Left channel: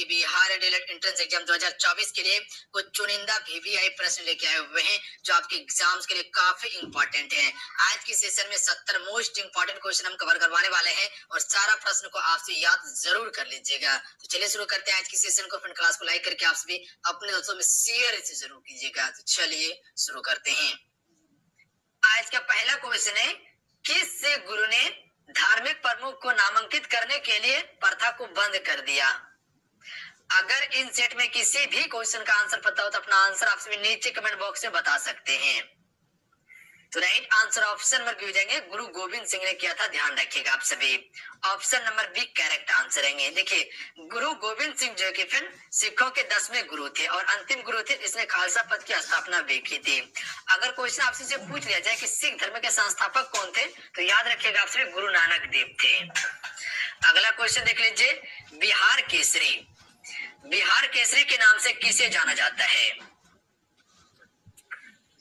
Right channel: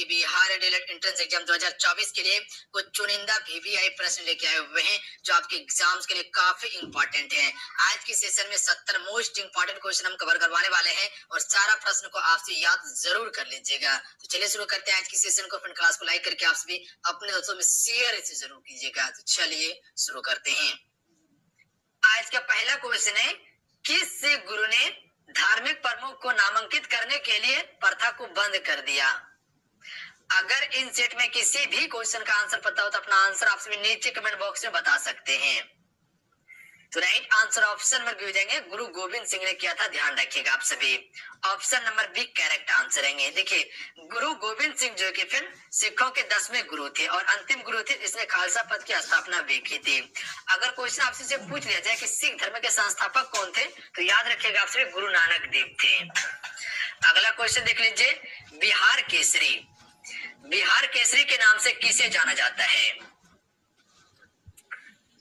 कि Bihar DElEd entrance exam 2024 के लिए कुछ चुनिंदा वीवीआई प्रश्न लेके आए हुए हैं जो आपके एग्जाम्स के लिए काफी इंपॉर्टेंट हैं। आज की सेशन में 70 मोस्ट इंपॉर्टेंट क्वेश्चन हम कवर करवाने वाले हैं और सारा प्रश्न को आपसे याद जरूर कर लीजिएगा। तो चलिए शुरू करते हैं आज की सेशन को। फ्रेंड क्लास को लाइक करके आप सभी अपने दोस्तों में शेयर इसे जरूर कीजिएगा। तो चलिए शुरू करते हैं। आज का पहला क्वेश्चन है, किस गुरु ने धार्मिक प्रमुख को नामांकित करने के लिए प्रथा को बंद कर दिया? अगर इन सेट में किसी भी क्वेश्चन का आंसर पता हो तो अपना आंसर आप सभी नीचे कमेंट बॉक्स में बता सकते हैं। तो right answer option number B हो जाएंगे, गुरु गोविंद सिंह ने किया था। ध्यान रखिएगा आप सभी, option number B correct answer रहेंगे। देखिए, गुरु गोविंद सिंह जो कि फिर सिखों के 10वें गुरु थे और अंतिम गुरु थे जिसने खालसा पंथ की स्थापना भी की थी। अगर क्वेश्चन आपसे से पूछ लिया जाए कि सिख धर्म के संस्थापक कौन थे तो याद रखिएगा आप सभी गुरु नानक देव थे। अगला क्वेश्चन देख लीजिए, बिहार केसरी, बिहार केसरी के नाम से किसे जाना जाता है?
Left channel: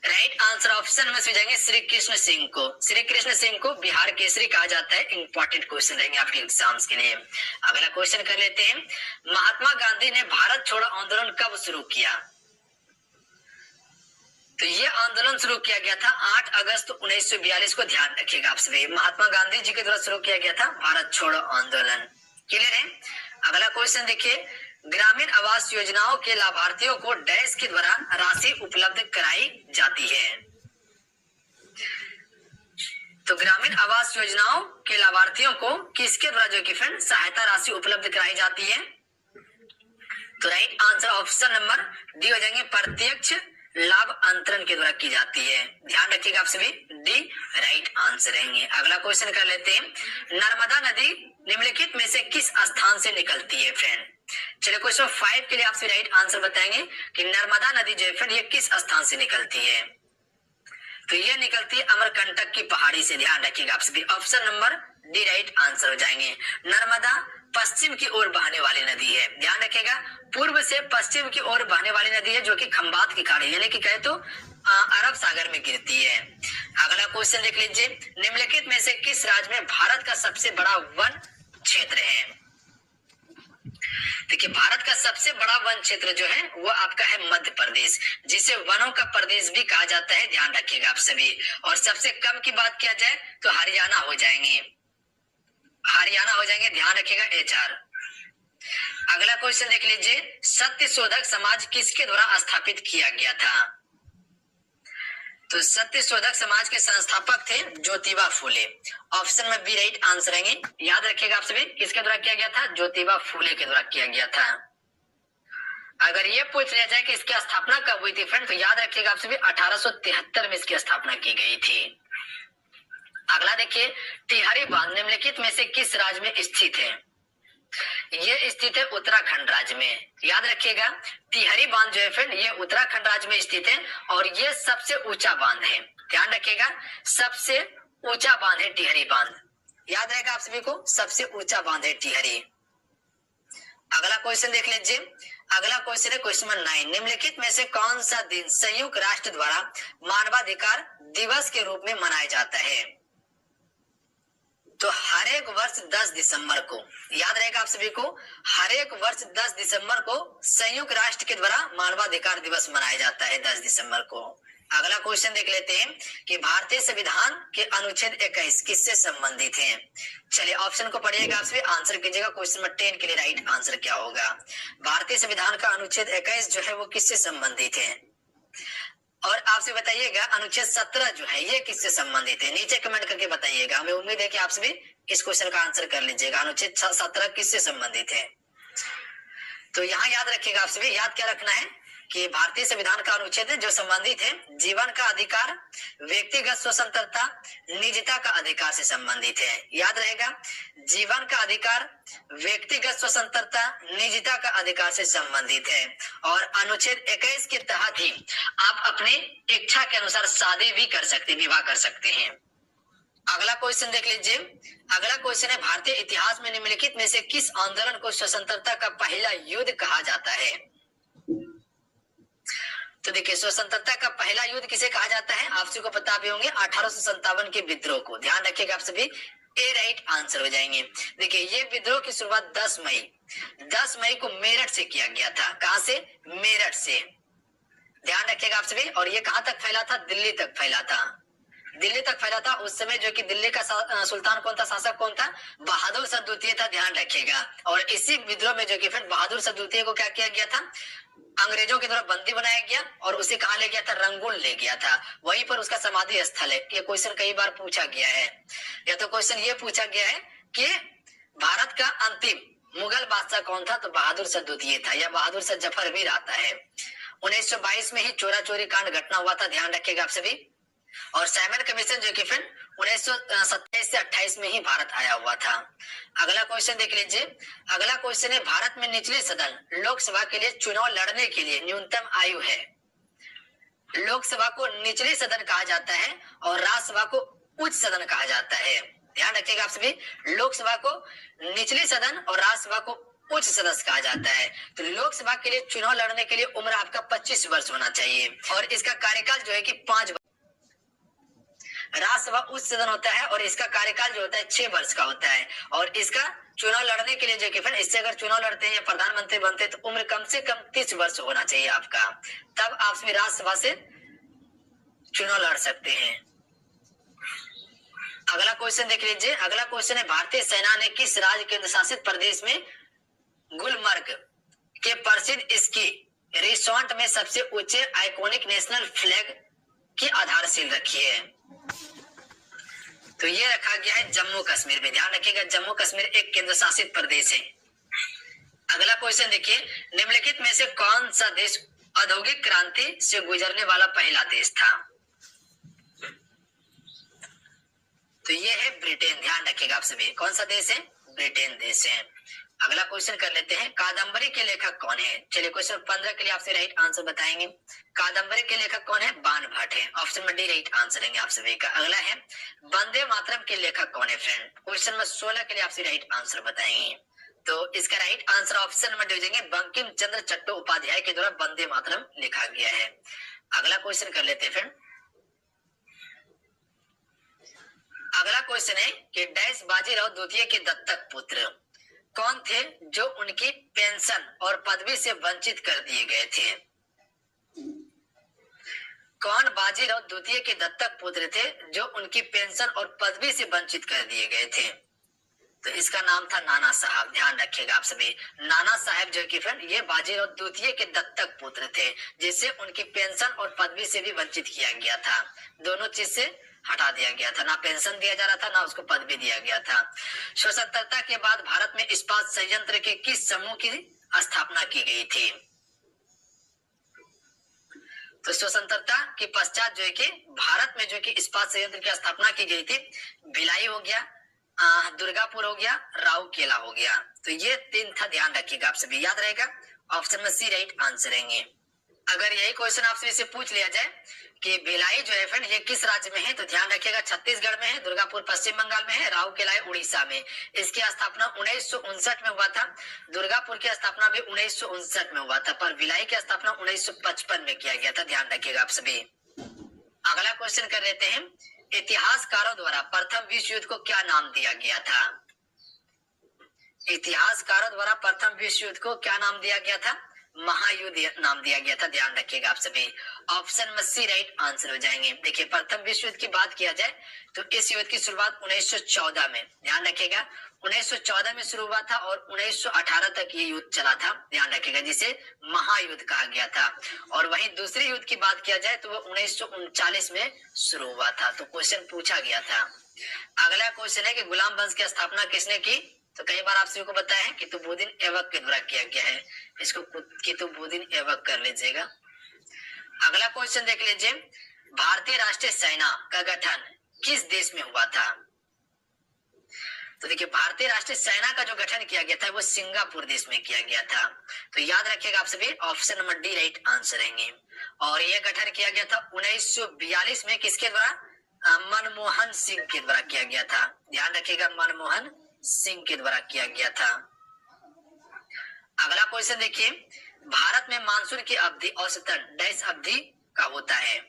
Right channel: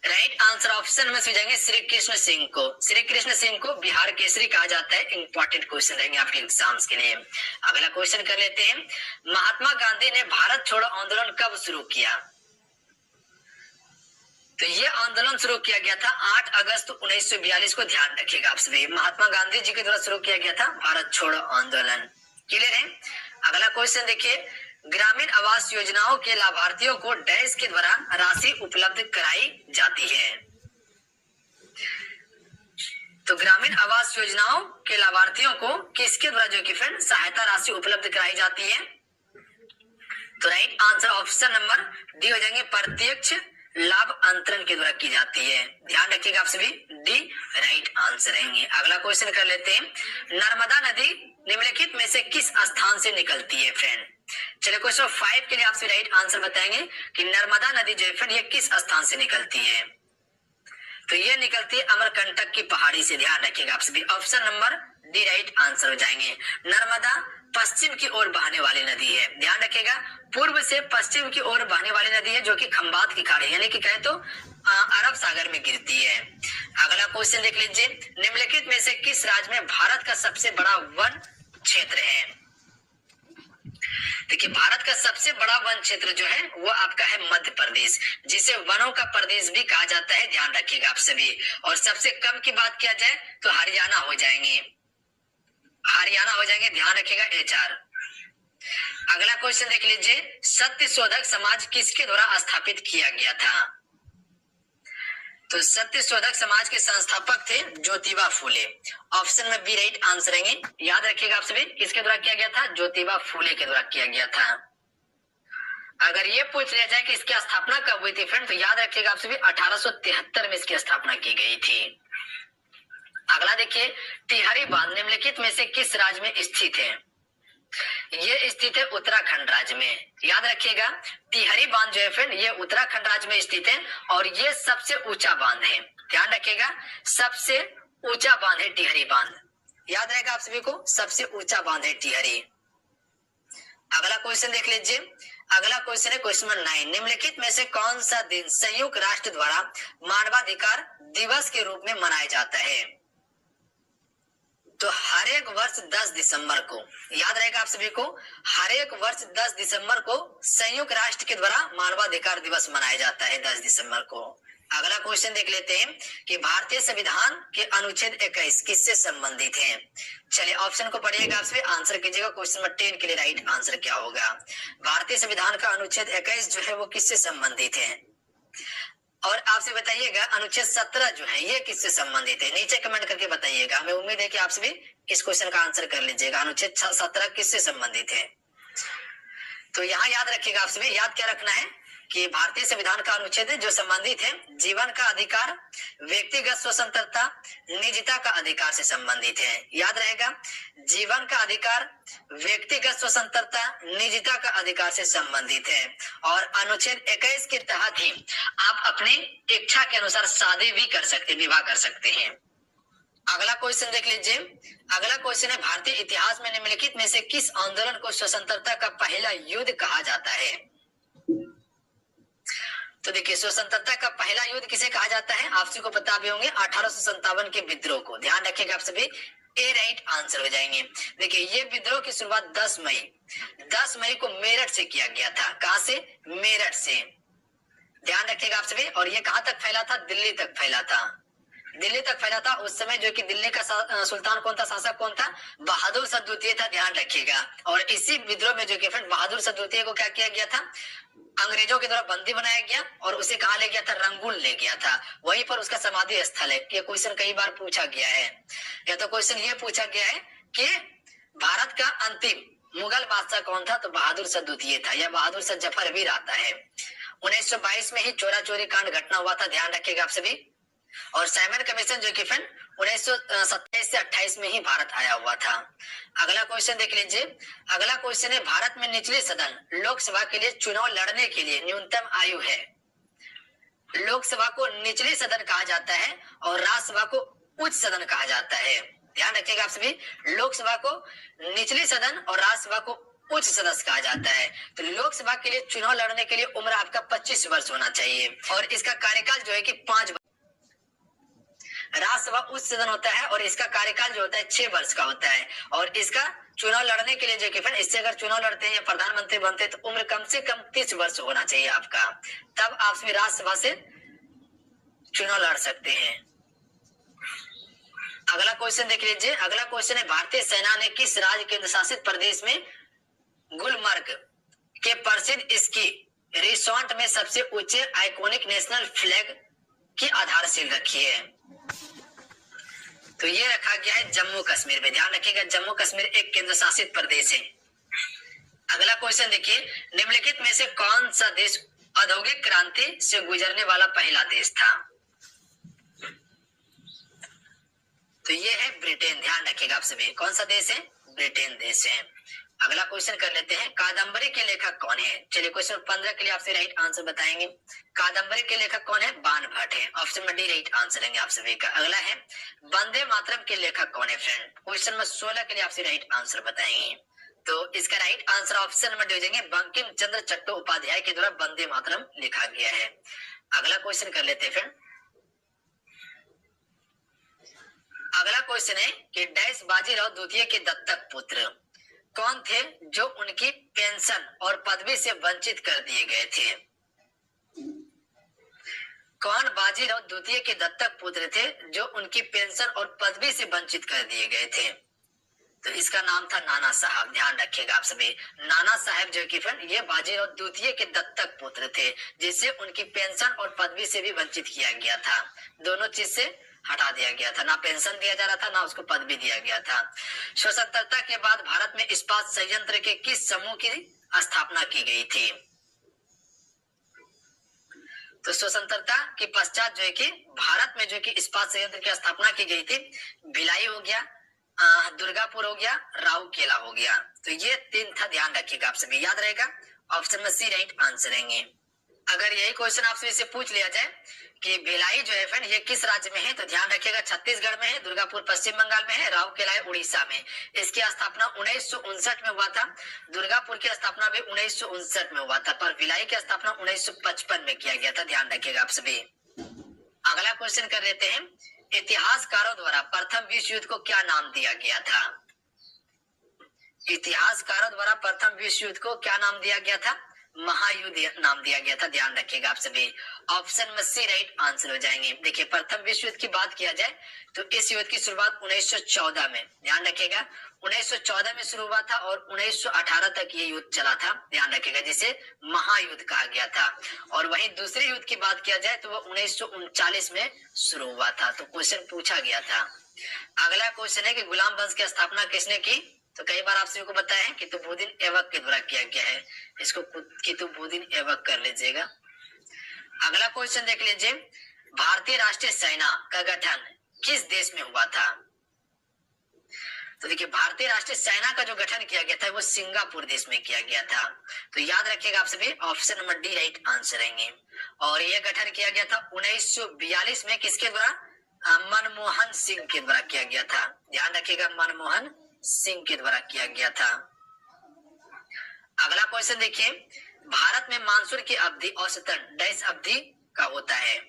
राइट आंसर ऑप्शन में से जाएंगे श्री कृष्ण सिंह को। श्री कृष्ण सिंह को बिहार केसरी कहा जाता है। इंपॉर्टेंट क्वेश्चन रहेंगे आपके एग्जाम्स के लिए। अगला क्वेश्चन कर लेते हैं, महात्मा गांधी ने भारत छोड़ो आंदोलन कब शुरू किया? तो ये आंदोलन शुरू किया गया था 8 अगस्त 1942 को। ध्यान रखिएगा आप सभी, महात्मा गांधी जी के द्वारा शुरू किया गया था भारत छोड़ो आंदोलन। क्लियर है? अगला क्वेश्चन देखिए, ग्रामीण आवास योजनाओं के लाभार्थियों को डैश के द्वारा राशि उपलब्ध कराई जाती है? तो ग्रामीण आवास योजनाओं के लाभार्थियों को किसके द्वारा जो कि फ्रेंड सहायता राशि उपलब्ध कराई जाती है? तो right answer option number D हो जाएंगे, प्रत्यक्ष लाभ अंतरण के द्वारा की जाती है। ध्यान रखिएगा आप सभी, डी राइट आंसर रहेंगे। अगला क्वेश्चन कर लेते हैं, नर्मदा नदी निम्नलिखित में से किस स्थान से निकलती है? फ्रेंड चलिए क्वेश्चन 5 के लिए आपसे राइट आंसर बताएंगे कि नर्मदा नदी जो है फ्रेंड ये किस स्थान से निकलती है? तो ये निकलती है अमरकंटक की पहाड़ी से। ध्यान रखिएगा आप सभी, option number D right answer हो जाएंगे। नर्मदा पश्चिम की ओर बहने वाली नदी है। ध्यान रखिएगा, पूर्व से पश्चिम की ओर बहने वाली नदी है जो कि खंबात की खाड़ी यानी कि कहे तो अरब सागर में गिरती है। अगला क्वेश्चन देख लीजिए, निम्नलिखित में से किस राज्य में भारत का सबसे बड़ा वन क्षेत्र है? देखिए, भारत का सबसे बड़ा वन क्षेत्र जो है वो आपका है मध्य प्रदेश, जिसे वनों का प्रदेश भी कहा जाता है। ध्यान रखिएगा आप सभी। और सबसे कम की बात किया जाए तो हरियाणा हो जाएंगे, हरियाणा हो जाएंगे। ध्यान रखिएगा HR। अगला क्वेश्चन देख लीजिए, सत्य शोधक समाज किसके द्वारा स्थापित किया गया था? तो सत्य शोधक समाज के संस्थापक थे ज्योतिबा फूले। ऑप्शन में बी राइट आंसर रहेंगे। याद रखिएगा आप सभी, किसके द्वारा किया गया था? ज्योतिबा फूले के द्वारा किया गया था। अगर ये पूछ लिया जाए कि इसकी स्थापना कब हुई थी फ्रेंड तो याद रखिएगा आप सभी 1873 में इसकी स्थापना की गई थी। अगला देखिए, टिहरी बांध निम्नलिखित में से किस राज्य में स्थित है? ये स्थित है उत्तराखंड राज्य में। याद रखिएगा, टिहरी बांध जो है फ्रेंड ये उत्तराखंड राज्य में स्थित है और ये सबसे ऊंचा बांध है। ध्यान रखिएगा, सबसे ऊंचा बांध है टिहरी बांध। याद रहेगा आप सभी को, सबसे ऊंचा बांध है टिहरी। अगला क्वेश्चन देख लीजिए, अगला क्वेश्चन है क्वेश्चन नंबर 9, निम्नलिखित में से कौन सा दिन संयुक्त राष्ट्र द्वारा मानवाधिकार दिवस के रूप में मनाया जाता है? तो हर एक वर्ष 10 दिसंबर को, याद रहेगा आप सभी को, हर एक वर्ष 10 दिसंबर को संयुक्त राष्ट्र के द्वारा मानवाधिकार दिवस मनाया जाता है 10 दिसंबर को। अगला क्वेश्चन देख लेते हैं कि भारतीय संविधान के अनुच्छेद 21 किससे संबंधित है? चलिए ऑप्शन को पढ़िएगा आप सभी, आंसर कीजिएगा। क्वेश्चन नंबर 10 के लिए राइट आंसर क्या होगा? भारतीय संविधान का अनुच्छेद 21 जो है वो किससे संबंधित है? और आपसे बताइएगा अनुच्छेद 17 जो है ये किससे संबंधित है? नीचे कमेंट करके बताइएगा। हमें उम्मीद है कि आप सभी इस क्वेश्चन का आंसर कर लीजिएगा। अनुच्छेद 17 किससे संबंधित है? तो यहाँ याद रखिएगा आप सभी, याद क्या रखना है कि भारतीय संविधान का अनुच्छेद है जो संबंधित है जीवन का अधिकार, व्यक्तिगत स्वतंत्रता, निजता का अधिकार से संबंधित है। याद रहेगा, जीवन का अधिकार, व्यक्तिगत स्वतंत्रता, निजता का अधिकार से संबंधित है। और अनुच्छेद 21 के तहत ही आप अपने इच्छा के अनुसार शादी भी कर सकते, विवाह कर सकते हैं। अगला क्वेश्चन देख लीजिए, अगला क्वेश्चन है भारतीय इतिहास में निम्नलिखित में से किस आंदोलन को स्वतंत्रता का पहला युद्ध कहा जाता है? तो देखिए, स्वतंत्रता का पहला युद्ध किसे कहा जाता है? आप सभी को पता भी होंगे, 1857 के विद्रोह को। ध्यान रखिएगा आप सभी, ए राइट आंसर हो जाएंगे। देखिए ये विद्रोह की शुरुआत 10 मई को मेरठ से किया गया था। कहां से? मेरठ से। ध्यान रखिएगा आप सभी। और ये कहां तक फैला था? दिल्ली तक फैला था। दिल्ली तक फैला था। उस समय जो कि दिल्ली का सुल्तान कौन था? शासक कौन था? बहादुर शाह द्वितीय था। ध्यान रखिएगा। और इसी विद्रोह में जो कि फिर बहादुर शाह द्वितीय को क्या किया गया था? अंग्रेजों के द्वारा बंदी बनाया गया और उसे कहा ले गया था? रंगून ले गया था। वहीं पर उसका समाधि स्थल है। ये क्वेश्चन कई बार पूछा गया है। या तो क्वेश्चन ये पूछा गया है कि भारत का अंतिम मुगल बादशाह कौन था? तो बहादुर शाह द्वितीय था। या बहादुर शाह जफर भी आता है। 1922 में ही चोरा चोरी कांड घटना हुआ था। ध्यान रखिएगा आप सभी। और साइमन कमीशन जो कि फिर 1927 से 28 में ही भारत आया हुआ था। अगला क्वेश्चन देख लीजिए। अगला क्वेश्चन है, भारत में निचले सदन लोकसभा के लिए चुनाव लड़ने के लिए न्यूनतम आयु है। लोकसभा को निचले सदन कहा जाता है और राज्यसभा को उच्च सदन कहा जाता है। ध्यान रखिएगा आप सभी। लोकसभा को निचले सदन और राज्यसभा को उच्च सदस्य कहा जाता है। तो लोकसभा के लिए चुनाव लड़ने के लिए उम्र आपका 25 वर्ष होना चाहिए और इसका कार्यकाल जो है कि 5 राज्यसभा उच्च सदन होता है और इसका कार्यकाल जो होता है 6 वर्ष का होता है। और इसका चुनाव लड़ने के लिए जो कि फिर इससे अगर चुनाव लड़ते हैं या प्रधानमंत्री बनते हैं तो उम्र कम से कम 30 वर्ष होना चाहिए आपका, तब आप राज्यसभा से चुनाव लड़ सकते हैं। अगला क्वेश्चन देख लीजिए। अगला क्वेश्चन है, भारतीय सेना ने किस राज्य केंद्र शासित प्रदेश में गुलमर्ग के प्रसिद्ध स्की रिसोर्ट में सबसे ऊंचे आइकॉनिक नेशनल फ्लैग की आधारशिला रखी है? तो ये रखा गया है जम्मू कश्मीर में। ध्यान रखिएगा, जम्मू कश्मीर एक केंद्र शासित प्रदेश है। अगला क्वेश्चन देखिए, निम्नलिखित में से कौन सा देश औद्योगिक क्रांति से गुजरने वाला पहला देश था? तो ये है ब्रिटेन। ध्यान रखिएगा आप सभी। कौन सा देश है? ब्रिटेन देश है। अगला क्वेश्चन कर लेते हैं, कादम्बरी के लेखक कौन है? चलिए क्वेश्चन 15 के लिए आपसे राइट आंसर बताएंगे। कादम्बरी के लेखक कौन है? बाण भट्ट है। ऑप्शन में डी राइट आंसर है आप सभी का। अगला है, वंदे मातरम के लेखक कौन है फ्रेंड? क्वेश्चन नंबर 16 के लिए आपसे राइट आंसर बताएंगे। तो इसका right answer option number D देंगे, बंकिम चंद्र चट्टोपाध्याय के द्वारा वंदे मातरम लिखा गया है। अगला क्वेश्चन कर लेते हैं फ्रेंड। अगला क्वेश्चन है कि डैश बाजीराव द्वितीय के दत्तक पुत्र कौन थे जो उनकी पेंशन और पदवी से वंचित कर दिए गए थे? कौन बाजीराव द्वितीय के दत्तक पुत्र थे जो उनकी पेंशन और पदवी से वंचित कर दिए गए थे? तो इसका नाम था नाना साहब। ध्यान रखिएगा आप सभी। नाना साहब जो कि फिर ये बाजीराव द्वितीय के दत्तक पुत्र थे जिससे उनकी पेंशन और पदवी से भी वंचित किया गया था। दोनों चीज से हटा दिया गया था, ना पेंशन दिया जा रहा था ना उसको पदवी दिया गया था। स्वतंत्रता के बाद भारत में इस्पात संयंत्र के किस समूह की स्थापना की गई थी? तो स्वतंत्रता के पश्चात जो है कि भारत में जो कि इस्पात संयंत्र की स्थापना की गई थी, भिलाई हो गया, दुर्गापुर हो गया, राउरकेला हो गया। तो ये 3 था। ध्यान रखिएगा आप सभी, याद रहेगा। ऑप्शन में सी राइट आंसर रहेंगे। अगर यही क्वेश्चन आपसे इसे पूछ लिया जाए कि भिलाई जो है फ्रेंड ये किस राज्य में है, तो ध्यान रखिएगा छत्तीसगढ़ में है, दुर्गापुर पश्चिम बंगाल में है, राउरकेला उड़ीसा में। इसकी स्थापना 1959 में हुआ था। दुर्गापुर की स्थापना भी 1959 में हुआ था, पर भिलाई की स्थापना 1955 में किया गया था। ध्यान रखिएगा आप सभी। अगला क्वेश्चन कर लेते हैं, इतिहासकारों द्वारा प्रथम विश्व युद्ध को क्या नाम दिया गया था? इतिहासकारों द्वारा प्रथम विश्व युद्ध को क्या नाम दिया गया था? महायुद्ध नाम दिया गया था। ध्यान रखिएगा आप सभी। ऑप्शन में सी राइट आंसर हो जाएंगे। देखिए प्रथम विश्व युद्ध की बात किया जाए तो इस युद्ध की शुरुआत 1914 में, ध्यान रखिएगा 1914 में शुरू हुआ था और 1918 तक ये युद्ध चला था। ध्यान रखिएगा, जिसे महायुद्ध कहा गया था। और वहीं दूसरे युद्ध की बात किया जाए तो वो 1939 में शुरू हुआ था। तो क्वेश्चन पूछा गया था। अगला क्वेश्चन है कि गुलाम वंश की स्थापना किसने की? तो कई बार आप सभी को पता है कुतुबुद्दीन ऐबक के द्वारा किया गया है। इसको कुतुबुद्दीन ऐबक कर लीजिएगा। अगला क्वेश्चन देख लीजिए, भारतीय राष्ट्रीय सेना का गठन किस देश में हुआ था? तो देखिए भारतीय राष्ट्रीय सेना का जो गठन किया गया था वो सिंगापुर देश में किया गया था। तो याद रखिएगा आप सभी, option number D right answer रहेंगे। और यह गठन किया गया था 1942 में किसके द्वारा? मनमोहन सिंह के द्वारा किया गया था। ध्यान रखिएगा, मनमोहन सिंह के द्वारा किया गया था। अगला क्वेश्चन देखिए, भारत में मानसून की अवधि औसतन डैश अवधि का होता है?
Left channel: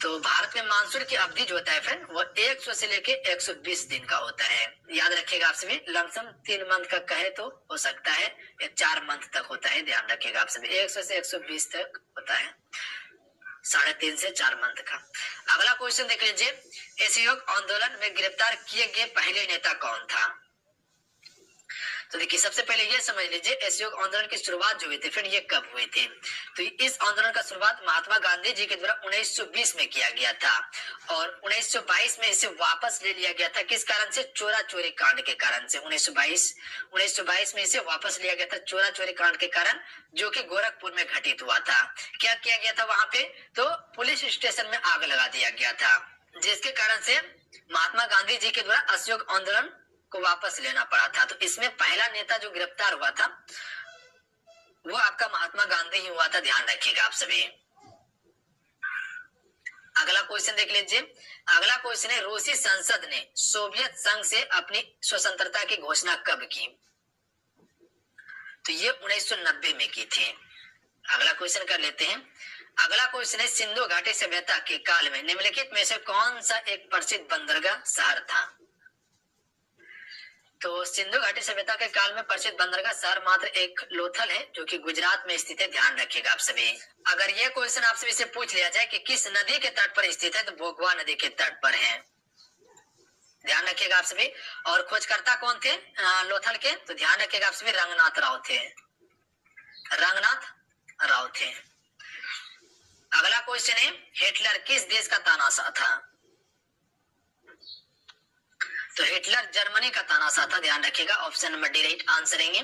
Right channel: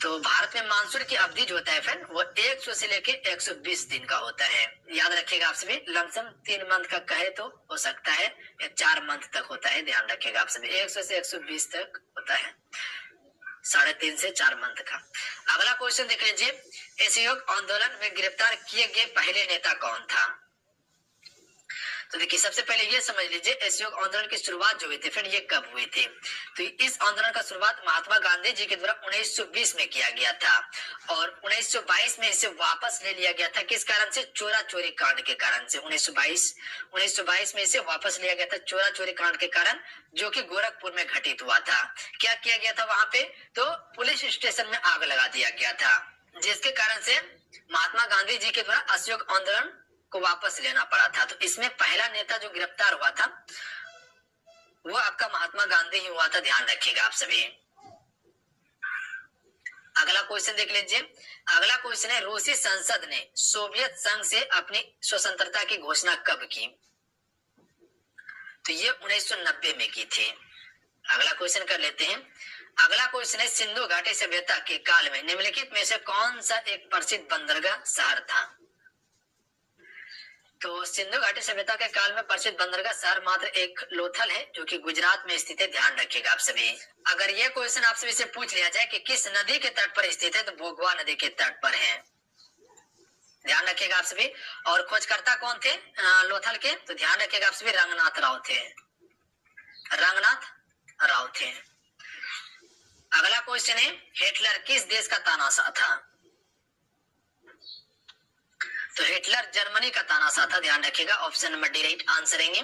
तो भारत में मानसून की अवधि जो होता है फ्रेंड वो 100 से लेके 120 दिन का होता है। याद रखिएगा आप सभी, लमसम 3 मंथ का कहे तो हो सकता है या 4 मंथ तक होता है, ध्यान रखिएगा आप सभी, 100 से 120 तक होता है, 3.5 से 4 मंथ का। अगला क्वेश्चन देख लीजिए, असहयोग आंदोलन में गिरफ्तार किए गए पहले नेता कौन था? तो देखिए सबसे पहले ये समझ लीजिए असहयोग आंदोलन की शुरुआत जो हुई थी फिर ये कब हुई थी। तो इस आंदोलन का शुरुआत महात्मा गांधी जी के द्वारा 1920 में किया गया था और 1922 में इसे वापस ले लिया गया था। किस कारण से? चोरा चोरी कांड के कारण से। 1922 में इसे वापस लिया गया था चोरा चोरी कांड के कारण, जो कि गोरखपुर में घटित हुआ था। क्या किया गया था वहां पे? तो पुलिस स्टेशन में आग लगा दिया गया था, जिसके कारण से महात्मा गांधी जी के द्वारा असहयोग आंदोलन को वापस लेना पड़ा था। तो इसमें पहला नेता जो गिरफ्तार हुआ था वो आपका महात्मा गांधी ही हुआ था, ध्यान रखिएगा आप सभी। अगला क्वेश्चन देख लीजिए, अगला क्वेश्चन है रूसी संसद ने सोवियत संघ से अपनी स्वतंत्रता की घोषणा कब की? तो ये 1990 में की थी। अगला क्वेश्चन कर लेते हैं। अगला क्वेश्चन है सिंधु घाटी सभ्यता के काल में निम्नलिखित में से कौन सा एक प्रसिद्ध बंदरगाह शहर था? तो सिंधु घाटी सभ्यता के काल में प्रसिद्ध बंदरगाह शहर मात्र एक लोथल है, जो कि गुजरात में स्थित है, ध्यान रखिएगा आप सभी। अगर ये क्वेश्चन आप सभी से पूछ लिया जाए कि किस नदी के तट पर स्थित है, तो भोगवा नदी के तट पर है, ध्यान रखिएगा आप सभी। और खोजकर्ता कौन थे लोथल के? तो ध्यान रखिएगा आप सभी, रंगनाथ राव थे, रंगनाथ राव थे। अगला क्वेश्चन है हिटलर किस देश का तानाशाह था? तो हिटलर जर्मनी का तानाशाह था, ध्यान रखिएगा, option number D right answer है।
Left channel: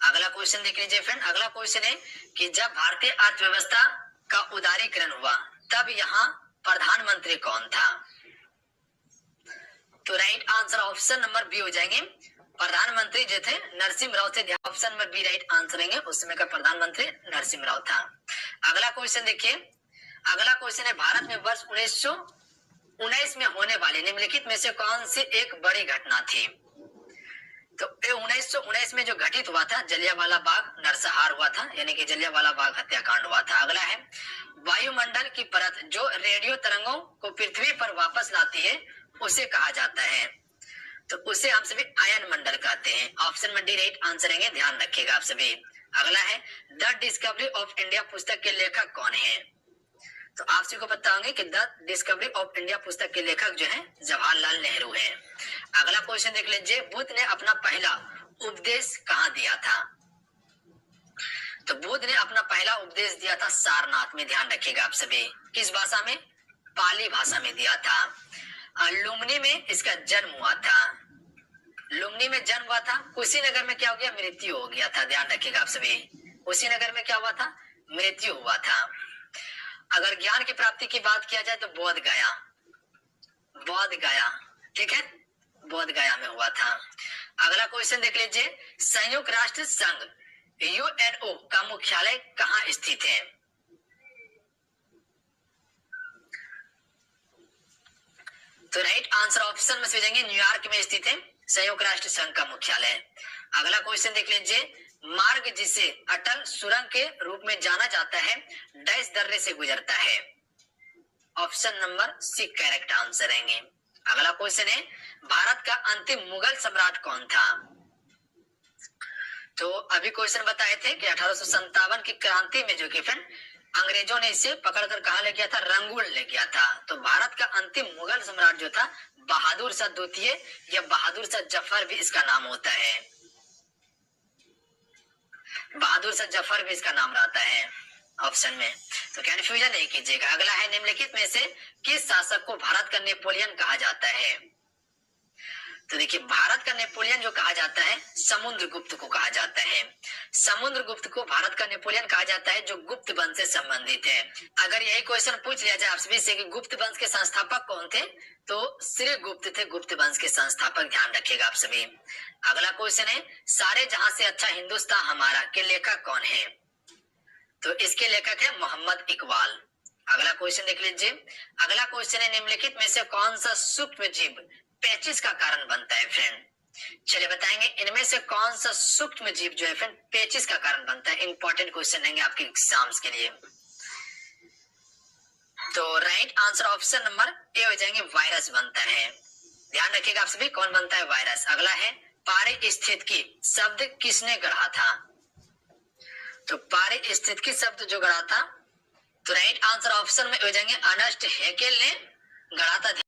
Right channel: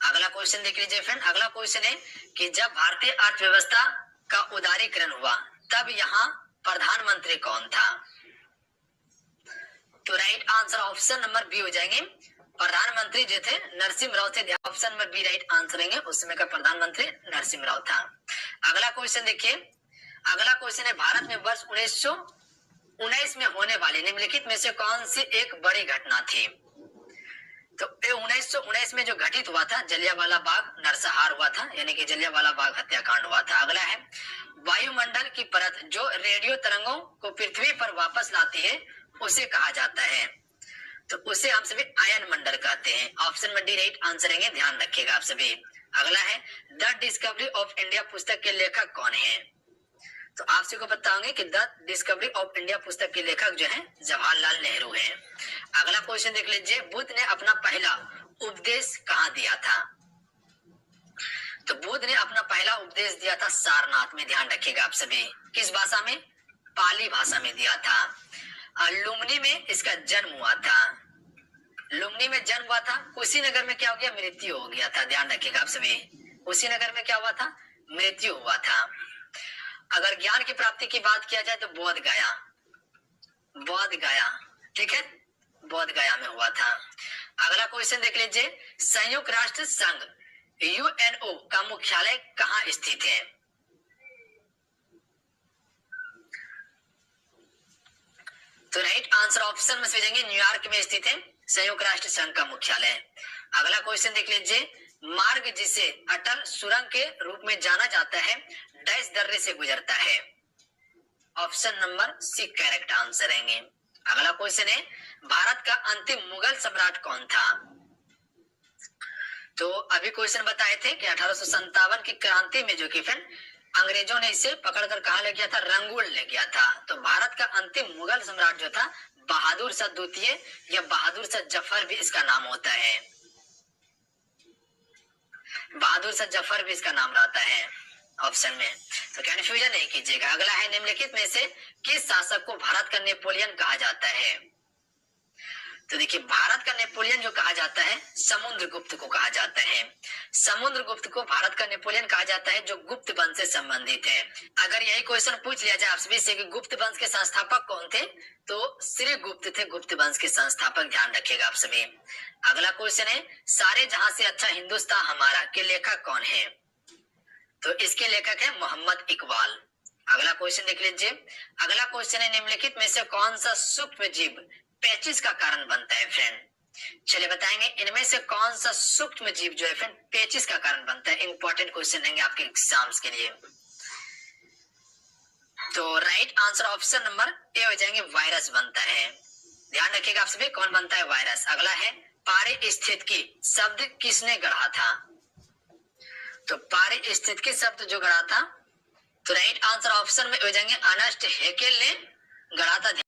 अगला क्वेश्चन देख लीजिए फ्रेंड। अगला क्वेश्चन है कि जब भारतीय अर्थव्यवस्था का उदारीकरण हुआ तब यहाँ प्रधानमंत्री कौन था? तो right answer option number B हो जाएंगे, प्रधानमंत्री जो थे नरसिम्हा राव थे, option number B right answer है, उस समय का प्रधानमंत्री नरसिम्हा राव था। अगला क्वेश्चन देखिए, अगला क्वेश्चन है भारत में वर्ष 1919 में होने वाले निम्नलिखित में से कौन सी एक बड़ी घटना थी? तो 1919 में जो घटित हुआ था जलियांवाला बाग नरसंहार हुआ था, यानी कि जलियांवाला बाग हत्याकांड हुआ था। अगला है वायुमंडल की परत जो रेडियो तरंगों को पृथ्वी पर वापस लाती है उसे कहा जाता है, तो उसे हम सभी आयन मंडल कहते हैं, ऑप्शन में डी राइट आंसर है, ध्यान रखिएगा आप सभी। अगला है द डिस्कवरी ऑफ इंडिया पुस्तक के लेखक कौन है? तो आप सबको बताओगे कि द डिस्कवरी ऑफ इंडिया पुस्तक के लेखक जो है जवाहरलाल नेहरू है। अगला क्वेश्चन देख लीजिए, बुद्ध ने अपना पहला उपदेश कहाँ दिया था? तो बुद्ध ने अपना पहला उपदेश दिया था सारनाथ में, ध्यान रखिएगा आप सभी। किस भाषा में? पाली भाषा में दिया था। लुम्बिनी में इसका जन्म हुआ था, लुम्बिनी में जन्म हुआ था। कुशीनगर में क्या हो गया? मृत्यु हो गया था, ध्यान रखिएगा आप सभी। कुशीनगर में क्या हुआ था? मृत्यु हुआ था। अगर ज्ञान की प्राप्ति की बात किया जाए तो बोध गया, बोध गया, ठीक है, बोध गया में हुआ था। अगला क्वेश्चन देख लीजिए, संयुक्त राष्ट्र संघ यूएनओ का मुख्यालय कहाँ स्थित है? तो राइट आंसर ऑप्शन में से जाएंगे न्यूयॉर्क में स्थित है संयुक्त राष्ट्र संघ का मुख्यालय। अगला क्वेश्चन देख लीजिए, मार्ग जिसे अटल सुरंग के रूप में जाना जाता है डैश दर्रे से गुजरता है, option number C correct answer रहेंगे। अगला क्वेश्चन है भारत का अंतिम मुगल सम्राट कौन था? तो अभी क्वेश्चन बताए थे कि 1857 की क्रांति में जो कि फिर अंग्रेजों ने इसे पकड़कर कहा ले गया था? रंगून ले गया था। तो भारत का अंतिम मुगल सम्राट जो था बहादुर शाह द्वितीय या बहादुर शाह जफर भी इसका नाम होता है, बहादुर शाह जफर भी इसका नाम रहता है ऑप्शन में, तो कंफ्यूजन नहीं कीजिएगा। अगला है निम्नलिखित में से किस शासक को भारत का नेपोलियन कहा जाता है? तो देखिए भारत का नेपोलियन जो कहा जाता है समुद्रगुप्त को कहा जाता है, समुद्रगुप्त को भारत का नेपोलियन कहा जाता है जो गुप्त वंश से संबंधित है। अगर यही क्वेश्चन पूछ लिया जाए आप सभी से कि गुप्त वंश के संस्थापक कौन थे, तो श्री गुप्त थे गुप्त वंश के संस्थापक, ध्यान रखिएगा आप सभी। अगला क्वेश्चन है सारे जहां से अच्छा हिंदुस्तान हमारा के लेखक कौन है? तो इसके लेखक है मोहम्मद इकबाल। अगला क्वेश्चन देख लीजिए, अगला क्वेश्चन है निम्नलिखित में से कौन सा सूक्ष्म जीव पेचिश का कारण बनता है? फ्रेंड चलिए बताएंगे इनमें से कौन सा सूक्ष्म जीव जो है फ्रेंड पेचिश का कारण बनता है। इंपॉर्टेंट क्वेश्चन रहेंगे आपके एग्जाम्स के लिए। तो right answer option number A हो जाएंगे, वायरस बनता है। ध्यान रखिएगा आप सभी, कौन बनता है? वायरस। अगला है पारिस्थितिकी शब्द किसने गढ़ा था? तो पारिस्थितिकी शब्द जो गढ़ा था, तो राइट आंसर ऑप्शन में हो जाएंगे अर्नेस्ट हैकेल ने गढ़ा था।